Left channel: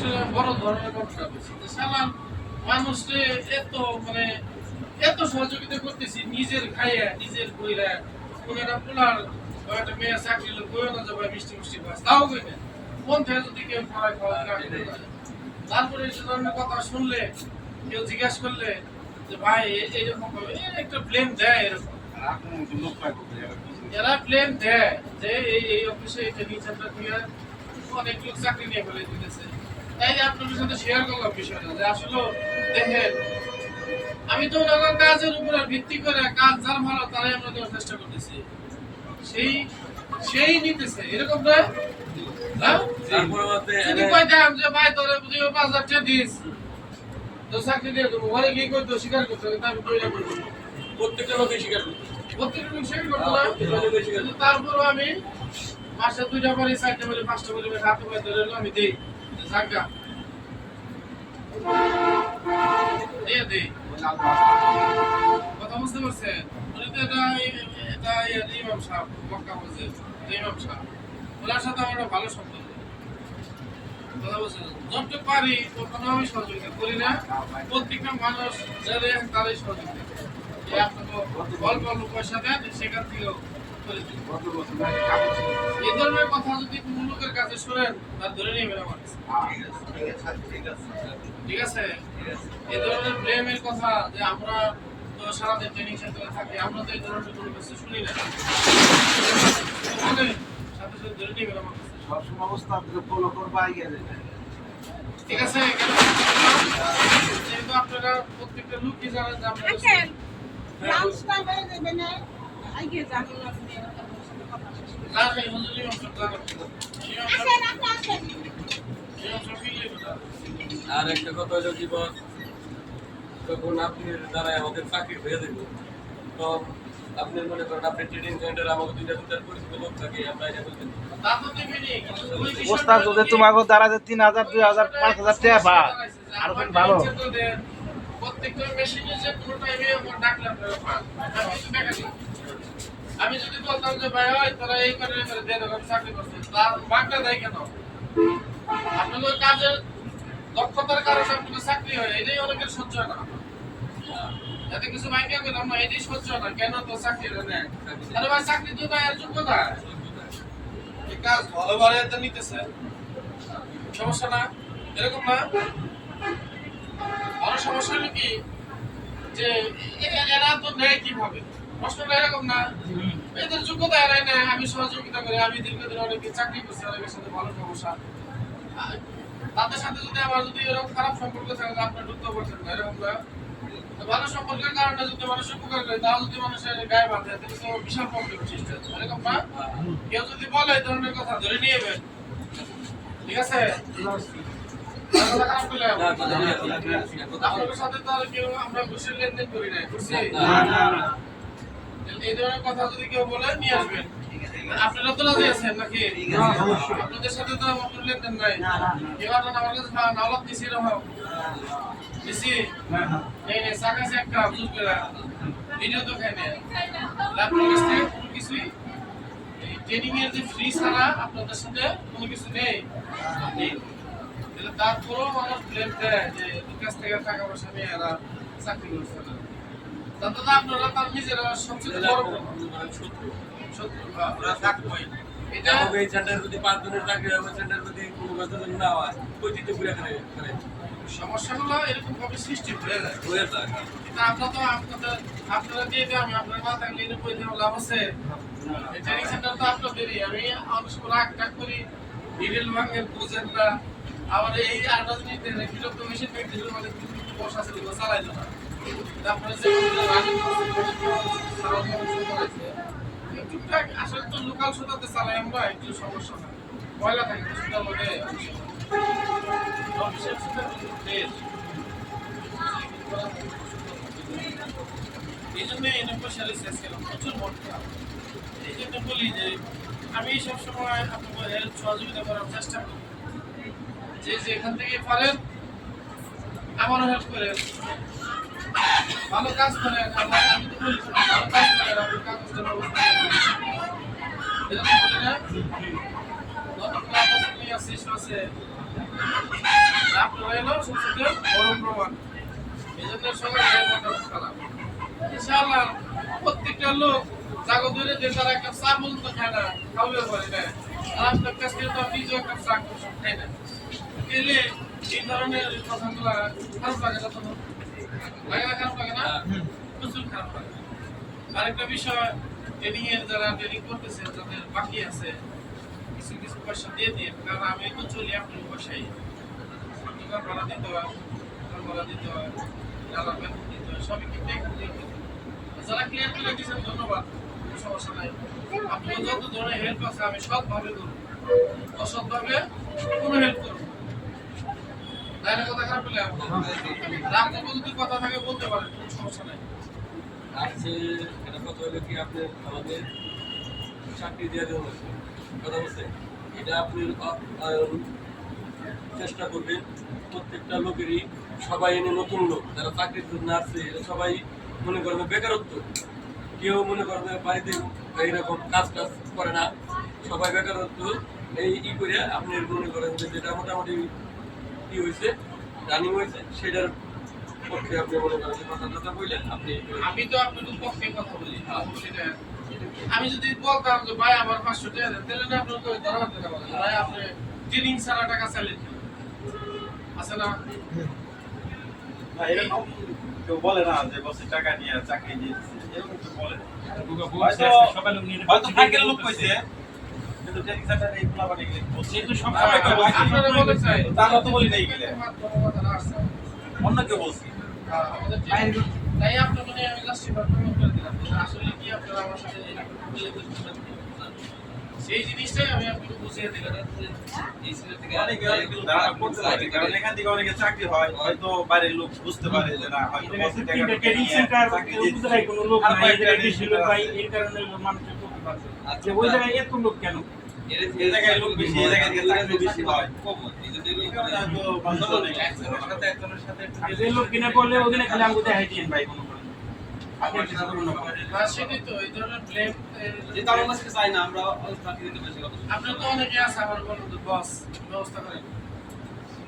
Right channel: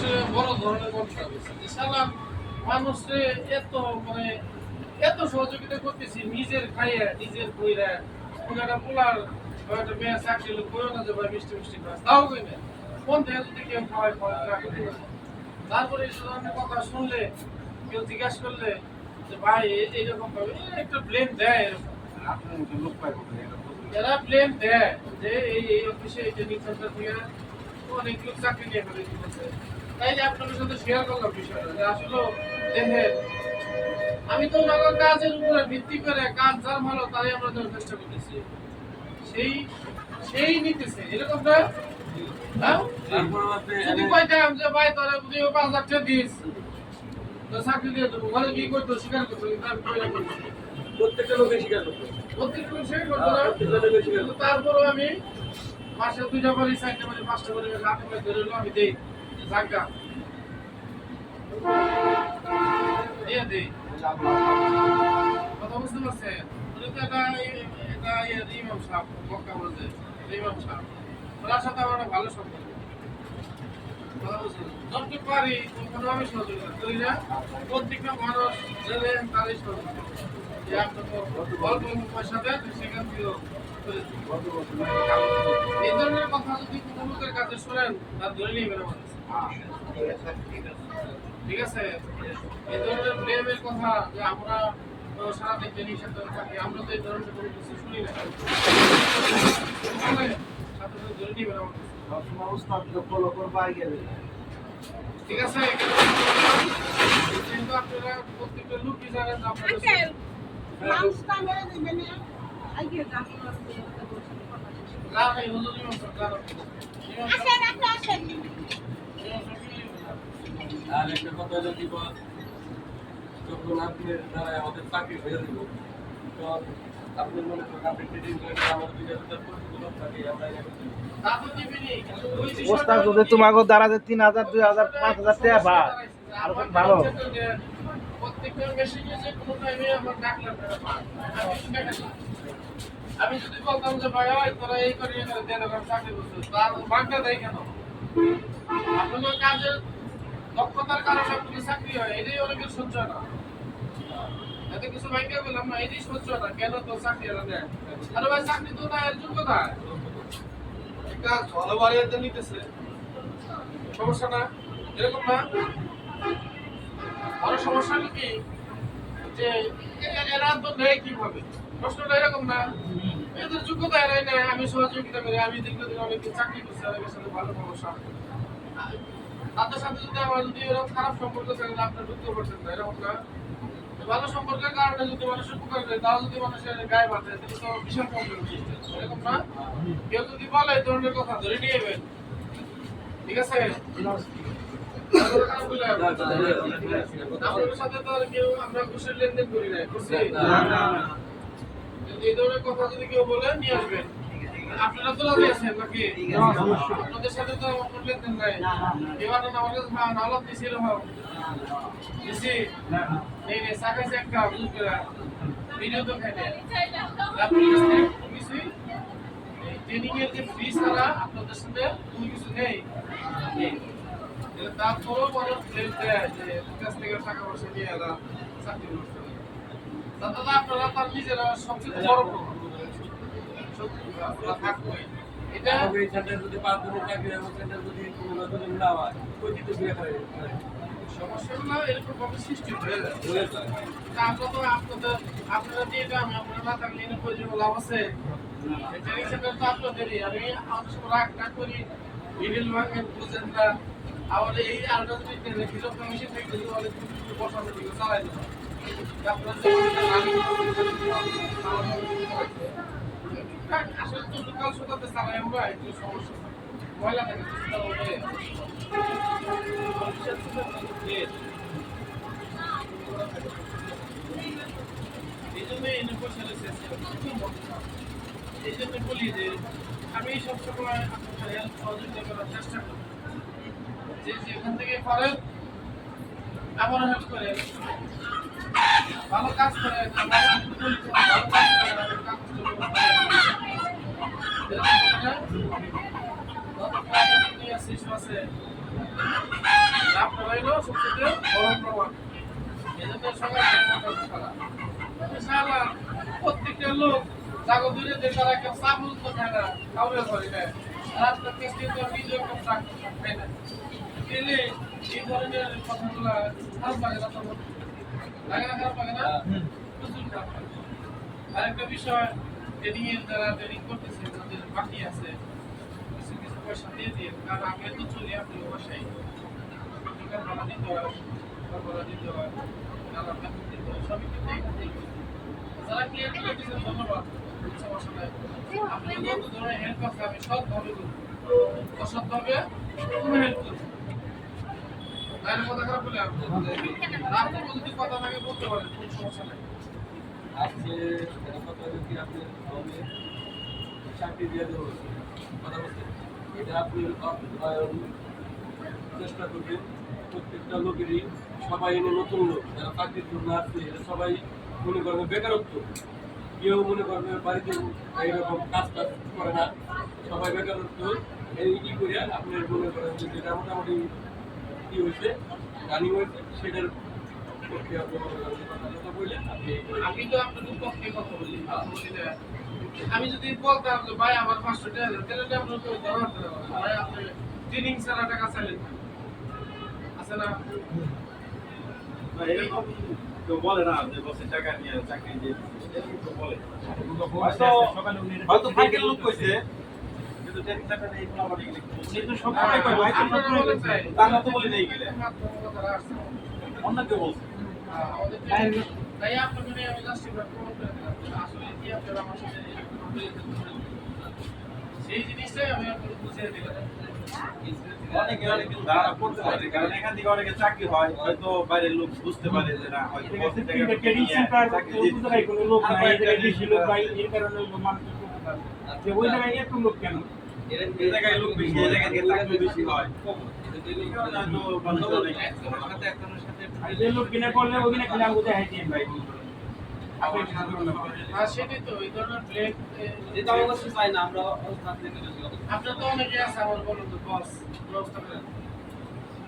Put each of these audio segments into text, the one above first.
আসলে বড় ধরনের ঘটনা হয়েছে যে সালাম মানুষকে এত মানে এত সহযোগিতা করতেছি নিজের খাইয়া নিজের বইরা কোন একটা পোলার বা একটা মেয়ে চাকরি লোক বইও না যাবে মিষ্টি মিষ্টি খাওয়া তাও কই না মন থেকে যদি কেউ খাওয়ায় খাওয়া না খেতে পারে। তারপরে এই ধরনের কথা শুনলে কেউ জিজ্ঞাসা করলে যে ভাই এইরকম ভাবে একটা ব্লেম দেয় এরকম এরা ব্লেম দেয় যে এই অফিসে এই ট্রেনিং সেন্টার থেকে অনেক লোক চাকরি নিয়ে ফেলে দিতেছে। তাই যে আপনাদের সাথে শেয়ার করলাম বিষয়টা যে আসলে দেখেন আমি তো ওনার কাজের উপরে ভিত্তি করে কাজ যার ভালো তারাই আমরা দেওয়ার চেষ্টা করতেছি সেই সেই নিতেছে এরকম নয়। যদি কইতাম যে ভাই তোরে বুঝি 5,000 টাকা দিস তো চাকরি দিয়ে দেবো ঘরে গিয়ে কইতো স্বীকার করতো কিন্তু আমি কইরা বলবো প্রত্যেকটা লোকে স্বীকার করতো প্রত্যেকটা লোক স্বীকার করতো না। তারপরও আমি মাসে 2টা বাড়ি 4টা বাড়ি 5টা বাড়ি হাতে পায়ে ধরে হলো আমি দেই জায়গা দিয়ে দেই কথা বুঝতে পারছেন। উনি তো এটা ইমাম সাহেব মক্কা বলছে ইমাম সাহেব ওনার সাথে আমার ভালো সম্পর্ক কথা বলছেন যতটুকু পারি তখন আমি সহযোগিতা করি না প্রত্যেকটা মানুষ যারা তারাই সহযোগিতা আপনি তো অল্প অল্প পয়সা দেন সেখান থেকেও করে দিন। এই ধরনের কথা যদি কোনো লোকের কাছে শোনেন তার ধরে নেবেন আমার ঠিক আছে। এই ধরনের ব্লেমের কথা যে আমরা তো সারাদিন ট্রেনিং সেন্টারে থাকি আমরা তো এই ধরনের কোনো কিছু শুনি না সাথে সাথে ধরে নেবেন আমার সবসময় অবস্থা ফলো করবো আগে ঠিক আছে। যেহেতু আপনারা প্রত্যেকটা লোকই জানেন যে আপনারা আর একটা কথা হলো কি বল যখন আপনি দ্বারা আমাদের চাকরি হয়ে দেব তখন আপনি মনে করেন আপনি ট্রেডিং সেন্টারে আমাকে দুইটা পরিচিত লোক থাকে আমরা এটা করতে অবস্থা যদি তোমাকে দ্বারা 3,000 2,000 5,000 টাকা পায় আর কোন ভালো প্রত্যেকটা মেশিনে যে কোনো টাইমে আমার ডাকলে আপনারা পান আমি যদি বলতাম যে ভাই ওই তোরা এই করে দিয়ে দেবেন চাকরি করতে তার বাংলা দেয় কেন আপনাদের কাজের দক্ষতার কারণে আপনাদের চাকরি হয় এটাই অনেকের সহ্য হয় না এত কিছু মাইন্ডে বললাম না এটাই সহ্য হয় না কেন তো চাকরি এটা নেয় আরে ভাই চাকরি তো না এর যোগ্যতা এই কাজ ভালোভাবে এটা নিতেছে সমস্যা না এরকম না। বড় সমস্যা হলো কি যে এরা তো নেয় কিভাবে প্রশ্নটা এরকম না এদের যোগ্যতা এরাই নেয় আমি সহযোগিতা করি আমি দীর্ঘদিন অনেকদিন চাকরি করছি অনেকের সাথে ভালো সমস্যা তাদের সাথে যদি আমার যদি এরকম খারাপ সম্পর্ক থাকে আপনার ঢুকতে পারছেন না এরকম না ভালো সম্পর্কের কারণে যদি মানুষের উপকার করে তাও যদি মানুষের গায়ে বাঁধে তাহলে তো বিশাল প্রবলেম সৃষ্টি হয় এরকম না। কেউ যদি বলে এই ধরনের কথা ধরে নিয়ে যাবেন ঠিক আছে। আপনাদের সাথে তো আর কেউ আমরা ঘুষের লেনদেন করি না ঘুষি এই ধরনের কথা যদি কেউ বলে নিয়ে আসবেন আপনারা তো রাজি আছেন নাকি আপনাদের সাথে তো আমার লেনদেন নাই এবার আমার কাছে নাওলাত দিছি এরকম দিছি নেই নেই সাকাছে একটা বুঝ করে ভিডিও তো খাই নেই আপনার কাছ থেকে কোনো কিছুই ট্রেনিং এর যে ফ্রি ছাড়া আপনাদের সাথে কোনো কিছু নেই তারপরেও মানুষ ব্লেম দেয় যে কাছ থেকে টাকা পয়সা নিয়ে এরা চাকরি করছে তাতে আপনারা তার নিজেরা সবচেয়ে বড় শত্রু থাকবেই এটা এই সেন্টারে যদি 5 জনের চাকরি হয় ওই সেন্টারে যদি কোনো বেতন না হয় ওই দিতে ঘুরে খারাপ সমস্যাগুলো এরকম ভাবে সৃষ্টি হয়ে যায় এটা আমরা তো আপনারা দিয়ে আমি আপনার না থাকলে এর প্রয়োজন লাভ আছে এই ট্রেনিং সেন্টার তো আপনাদেরই আমি অনেক সময় রাগ করি ডিটেল ভাঙের বুঝেন না আবার এই আরটা যদি বিরক্ত মেশিন থেকে দিলে মানে কিন্তু বসা আছে দিকে চালাই না তারপরে যে রানিং টুকটাক আসলে তো লোকাল সুতাতে চালাই আমরা একটু সমস্যা না ময়লা থাকে সুতার মধ্যে অফিসের সুতার এই জন্য এনে পয়সা রয়েছে প্রচুর মন খারাপ এই জন্য বলি যে আমি সবসময় আপনাদের হেল্প সহযোগিতা করার চেষ্টা করি যে যেখান থেকে পারেন আমারও হেল্প করেন ভালো কাজ করেন আমি তো বলি ভালো কাজ করেন আপনি কাগজের ব্যবস্থা এরকম বলি না আছে আপনারা এলো সবচেয়ে বড় প্রমাণ। এই জন্য সবার সম্পর্কটা খারাপ। ইনশাআল্লাহ প্রত্যেকটা লোক জাগো দূরে যে তারা একটা চা পর্যন্ত খায় না, খাওয়াবে পারে না। আর আপনার কাছ থেকে তো নিজেও একটা চা খাই না। এলে এই ধরনের কথাগুলো খারাপ লাগে না তখন? লাগে না, খারাপ লাগে না? প্রচুর খারাপ লাগে। আরেকটা বিষয়, ট্রেনিং এর যারা ট্রেনিং করতেছে যাদের বাকি আছে কিছু কিছু পয়সা দিয়ে দিন, কারণ আমি তো চলি আপনার পয়সায় দোকান ভাড়া দিতে হয়, ঘর ভাড়া দিতে হয়, যারা বেতন দিতে হয়, সবই কিন্তু এখান থেকে দিতে হয়। যারা ক্লিয়ার করে দিচ্ছেন ধন্যবাদ, কোনো সমস্যা নাই। আপনার যত ধরনের হেল্প আছে আমি সৎভাবে করবো, অসৎভাবে কোনো হেল্প করবো না। তাই না? কথা খারাপ বলে রাতে যদি কথা থাকে বলতে পারেন, কোনো সমস্যা নাই। আজকে এটা কথা হলো কি আপনার আমাদের চাকরি দিয়ে দেওয়া হয়েছে, কথা বলছে এটা আপনি চেষ্টা করবেন প্রত্যেকটা লোকেরই, সবাই এনে নতুন লোক যারা চাকরির জন্য আসছে এরা সবাই মনে করবে বেকারত্ব, কেউ মনে করবে বাড়িতে এইরকম কাজ টাজ করে না, সবাই বেকারত্ব এই করে আপনি মনে করেন যে যেটা মোটামুটি কি হয়েছে রানিং হয়েছে সেটার পক্ষে আপনি মনে করেন যে কথা বললেন আপনি। আমি তো আপনাদের পক্ষে কথা বলি, আমি যদি বলতাম যে ভাই আমার 500 টাকা দেন, তাহলে না আপনার কই ধরা হতো না, ভাই আপনি ট্রেনিং ছাড়া টাকা চাইলেন আছে না? না, এরকম কেউ বলে না যে বসে টাকা নিয়ে চাকরি দিয়ে দিচ্ছে, এরকম তো বলে না। হয়তো ফাইকের লোক কইছে, কিন্তু ট্রেনিং সেন্টারে এই পোলাপানি গুলো বলছে তো সব সময় কই ভাই আপনারা বলে চাই তারা তো বলি নাই গেলে কথাটা আসছে অন্য কেউ বলছে। আমাদের তাই আপনার মানে আমি জাস্টিফাই প্রমাণ করে দিলাম যে আসলে কি আপনারা আমার সাথে সেই জিনিসটাই আমি আপনাকে বুঝিয়ে দিলাম। অনেকে কিন্তু ধারণা করতে পারে, কারণ এখান থেকে অনেকে চাকরি হয়, হয়তো বাইরের লোক বুঝতে পারে যে না হয়তো বসে টাকা ট্রেনিং সেন্টার বুঝতে পারে কোনো লোক নাই, এই জায়গায় বেশি লোক ভাই, এর কারণে মানুষের করতে পারছে যে ওই জায়গায় এত লোক কেন, এই জায়গায় লোক বেশি, এই জায়গায় থেকে চাকরি বেশি হয়। আর যে লোক কিনে পড়লে ওদিনে খালি আমাকে দেখাই দিয়েন ভাই মনে করেন আপনি কিছু করুন না। আর সেটাই তো এই ধরনের ব্লেম যেটা আমার কাছে চাই না, আমরা চাকরি দিতে বেশি কথা। আপনার তো অনেকে আছে আমার বলুন তো বস ব্যবস্থা করেন।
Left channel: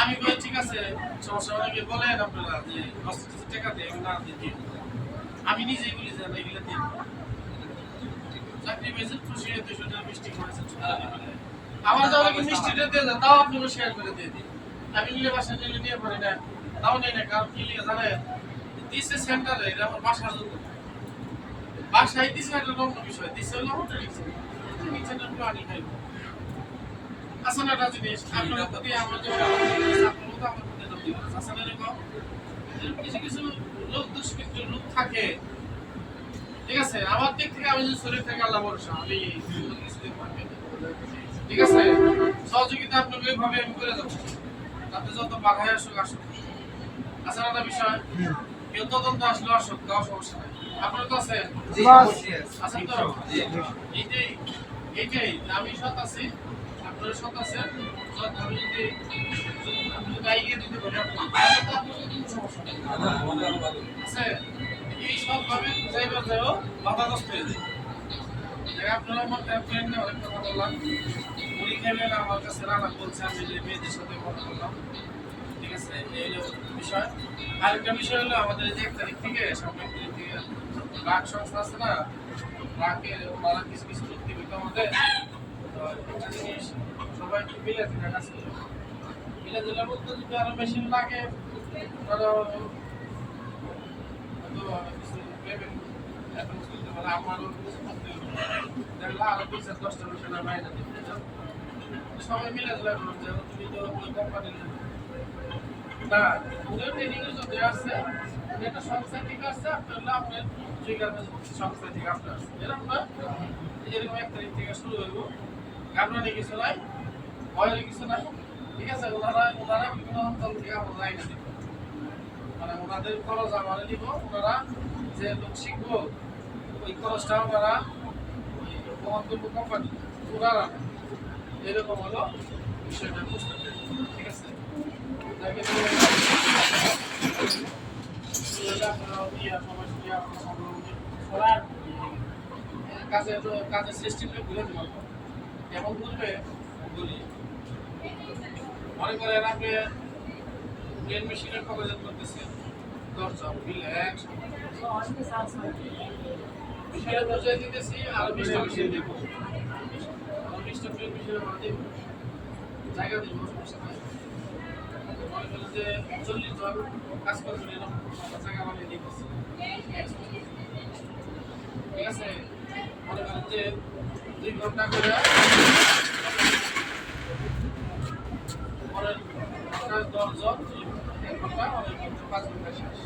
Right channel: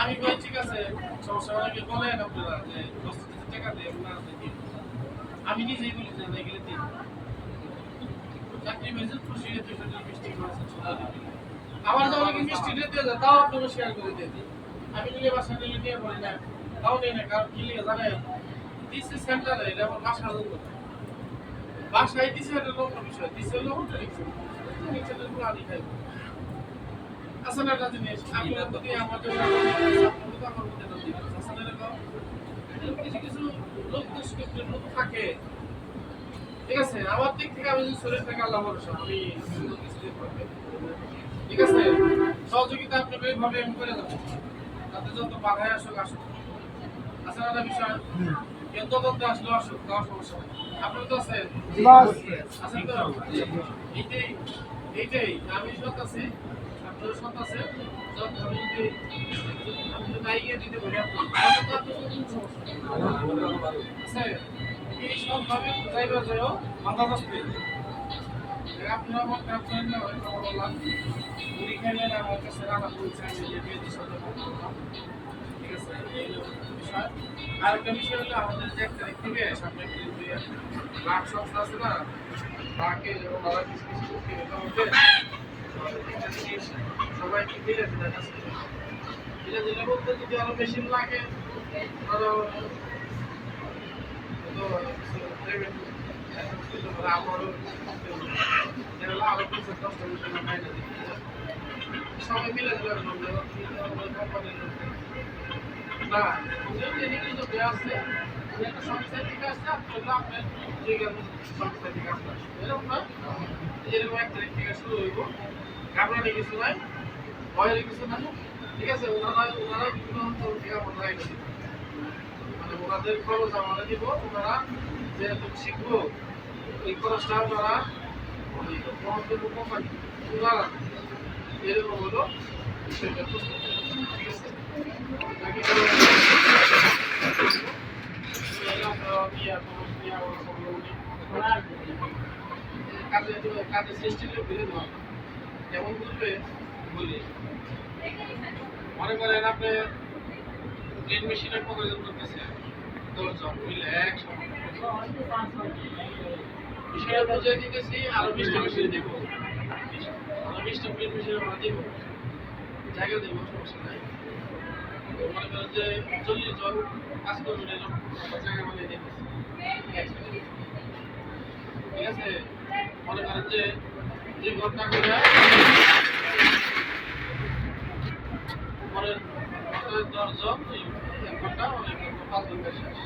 আমি বলি ঠিক আছে সমস্যা, অনেকে বলেন আপনারা যে বস কিছু টাকা দিয়ে না দিই, আমি নিজেই বলি যে না এগুলো দিই চাকরি পেয়েছেন খুশি হয়ে 200 টাকা মিষ্টি খাওয়াছেন, আমার যা অনেকে মিষ্টিটা দিয়ে দেয় তাও আপনারা শেয়ার করে দিয়ে দিই। আমি নিলে বাসায় নিলে নিয়ে পারি না, তাও নেই না, কারণ কি লিখে জানেন দিচ্ছে সেন্টারে, এটা আমার বাসার জন্য, বাসায় দিচ্ছে একটা লগ্ন বিষয়, দিচ্ছে হলো হোটেল সেন্টার গুলো আনি খাইব। আসলে একটা জিনিস আপনার প্রতি আমার যেমন আপনার মতো আমার প্রতি দাম দিবেন, আসলে এরকম কিছু কিছু লোক দুষ্কৃত লোক থাকে, ঠিক আছে? আমার দিক থেকে আমি যদি শরীর থেকে আল্লাহ ভরসা, আমি কিছুদিন পারবে, ঠিক আছে? সহযোগিতা আপনাকে এইভাবে আমি করে দেবো, তাতে যত বাধায় আসুক আসুক। আসলে একটা বিষয় কেউ তদন্ত আসলে আসুক, তাও সমস্যা নাই। আপনারা তো আছেন, আছেন তো? এইটাই আমি সৎ আছি, আপনারা সৎ আছেন, আমি যদি আমি যদি আইয়ে দিতে পারি তাহলে তো আপনার কোনো সমস্যা নেই আছে। এই সবভাবে যাইবার যাও বাধাগ্রস্ত হয়ে যায়। আপনারা আমার ফ্রেন্ড না অনেক কথা বললাম, মুড়ি খাইবেন আমার কাছে রানা বলছে, আমি যে মেয়েদের সাথে কথা বললাম, ঠিক আছে? এই হলো বিষয়। আরেকটা বিষয় হলো আমাদের যে 1 তারিখ থেকে সামনে তারিখ থেকে রাগ সংস্থা আছে না, রাগে ওনারা কিছু কিছু করতে হবে আমাদের একটা জিনিস সবাই কি পেয়ে আছে দেখা যাচ্ছে এটা জেলার মধ্যে যদি আরো মেশিন লাগে ধরো কিছু পেমেন্ট আমারও দেখলা আরো 10-10টা মেশিন নাই না সবাই মিলে দিলাম যে তুমি তো ওই কোম্পানির না ওদের ট্রেনিং এর যদি আছে একটা সংস্থা থেকে আসছে আপনার ঠিকানা সংস্থা থেকে আপনার আসবে এরকম না, এরকম 1 তারিখ থেকে শুরু হইব, ঘাবড়ানি কিছু নাই, ভয়ের কিছু নাই, ঠিক আছে? ওনারা বিভিন্ন অঞ্চল থেকে আমার লাইনে দিব, মানে ওনাদের খরচ আমরা দিব, ওনারা যে লোক শিখবো ওই খরচটা ওনারা মহন্তব্য কোম্পানি ওনারা এরকম হলো বিষয়টা প্রস্তুত, ঠিক আছে? যাকে কাজের সৃষ্টিটা ঘুরে দেওয়া কেমন করবে বলি মনে করেন আপনি প্লেন মেশিনের কতজন করতেছে 10 জন মিলে একসঙ্গে মেশিনের পর্যায়ে দিতেছি আরো 20টা মেশিন দিব আরো 20টা প্লেন মেশিন আমরা দিব জায়গা দিব সমস্যা নাই মনে করেন যে 40 জন কাজ করবেন এরকম জায়গা বানিয়ে দিতেছি ঠিক আছে মনে করেন যে 2 ঘন্টা করে পরে 10 জন 1 ঘন্টা 5 ঘন্টা শেষ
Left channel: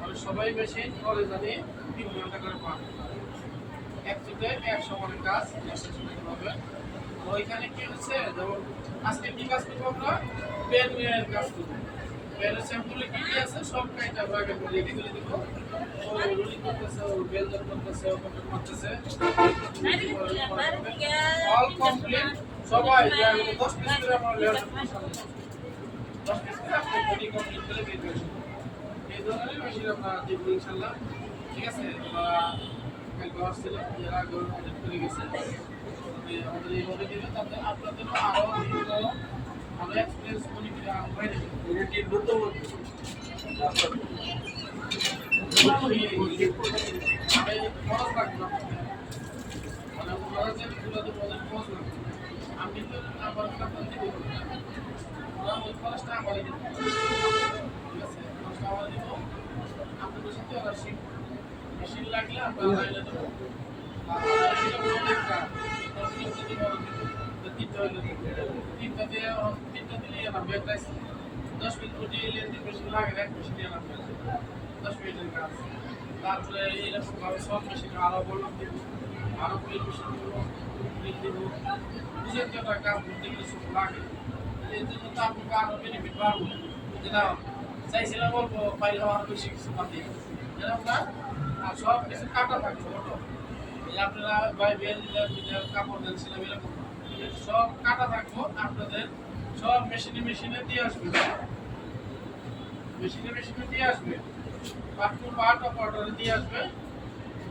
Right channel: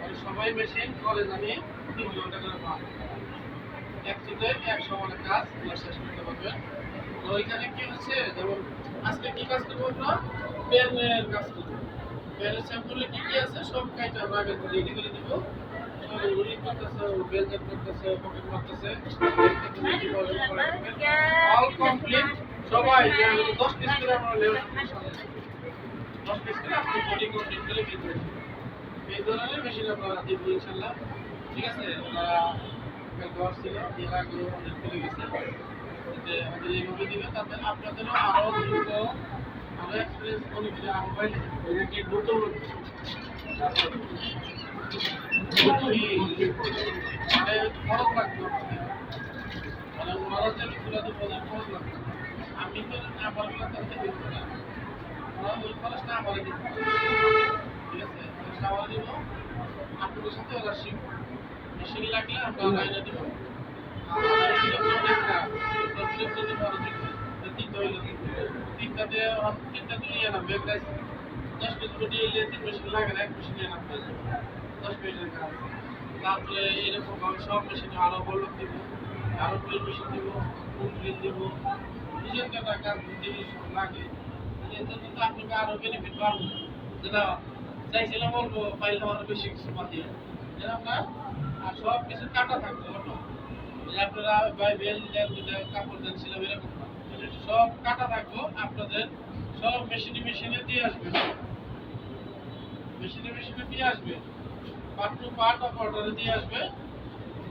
মানে সবাই মেশিন করে জানি 3 ঘন্টা করে পান একসাথে 100 মানে কাজ শেষ করতে পারবেন তো ওইখানে কি হচ্ছে যেমন আজকে কি কাজ করবো আমরা পেনের কাজ করবো পেনের স্যাম্পলে কি কি আছে সব কাইটা আগে রেডি করে দিব রুলিং করতেছে বেলজেট করতেছে পকেট মারতেছে অল কমপ্লিট সবাই 10 পিস করে আমরা লেয়ার 10 পিস করে আপনি বডি কমপ্লিট করে বের করবেন এই ধরনের মেশিন আমরা দিব ইনশাআল্লাহ ঠিক আছে আপনারা কালকে আসছিল এর আগে আমাদের চলে গেছে আমাদের এইভাবে দিবে তাতে আপনাদেরও আরো দ্রুত আরো এক্সপিরিয়েন্স মনে করে আরো বাইরে এটা কি নতুন মানে খরচ লাগবে মানে খরচ যদি তুলে দেবো খরচ লাগবে আপনি তো আমার কথা থেকে ওই খরচটা আমার দিব ঠিক আছে খরচটা আমার দিব আপনাদের সাথে ওরা শিখবো মেশিন লাগলে আমরা বাইরে দেবো তিনটা দিলে না ব্যাগ রাইস 10 মিনিট দিয়ে এলে 3 মেশিন লাগে না 1 মেশিন না 10 মিনিটের কাজ তারপরে এরকম ভাবে সব মেশিনে আরো বলক দিব আরো প্লেট মেশিন দিব প্লেট দিব বুঝেন তো একটা কাজ করতে গেলে সব লাগে এর জন্য তো আপনাকে আরো বেনিফিট পাবো যেটা চাইছিলাম বলবো পাইলাম আরো বেশি কিছু পাতি এরকম না আর সব কিছু কাটা থাকছে অটো আপনারা ভাই বেল দিলেন কাপড় দিচ্ছিলাম এরকম সব কাটা থাকবো আপনাদের সব মেশিনে দিয়ে আসবে মেশিনে দিয়ে আসবে পার্ট টু পার্ট অপারেটরে দিয়ে আসবে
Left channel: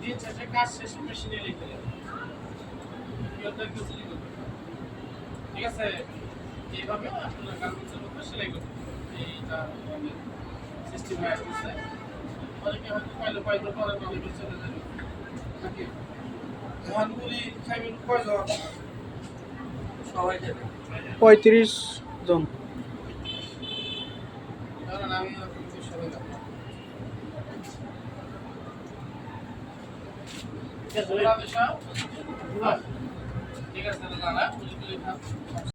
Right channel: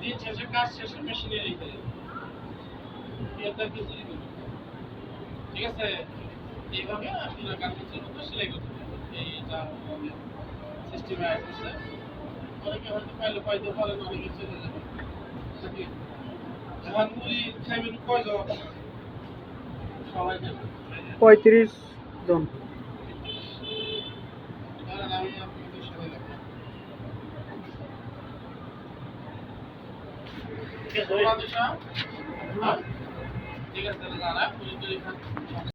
দিন শেষে কাজ শেষে মেশিনে রেখে যাবে এটা কি চুরি করবে ঠিক আছে এইভাবে আপনারা গার্মেন্টসের মধ্যে সেলাই করতে এইটা আমাদের সিস্টেমে আসছে অনেকে হয়তো পাইতে পারেন অনেকে চলে যাবে নাকি ধানগুলি খাইবেন কয়জন সবাই যাবে 35 জন কারণ আমি আপনাদের সবাই রাখবো ঠিক আছে দাদা পুরি পুরি খান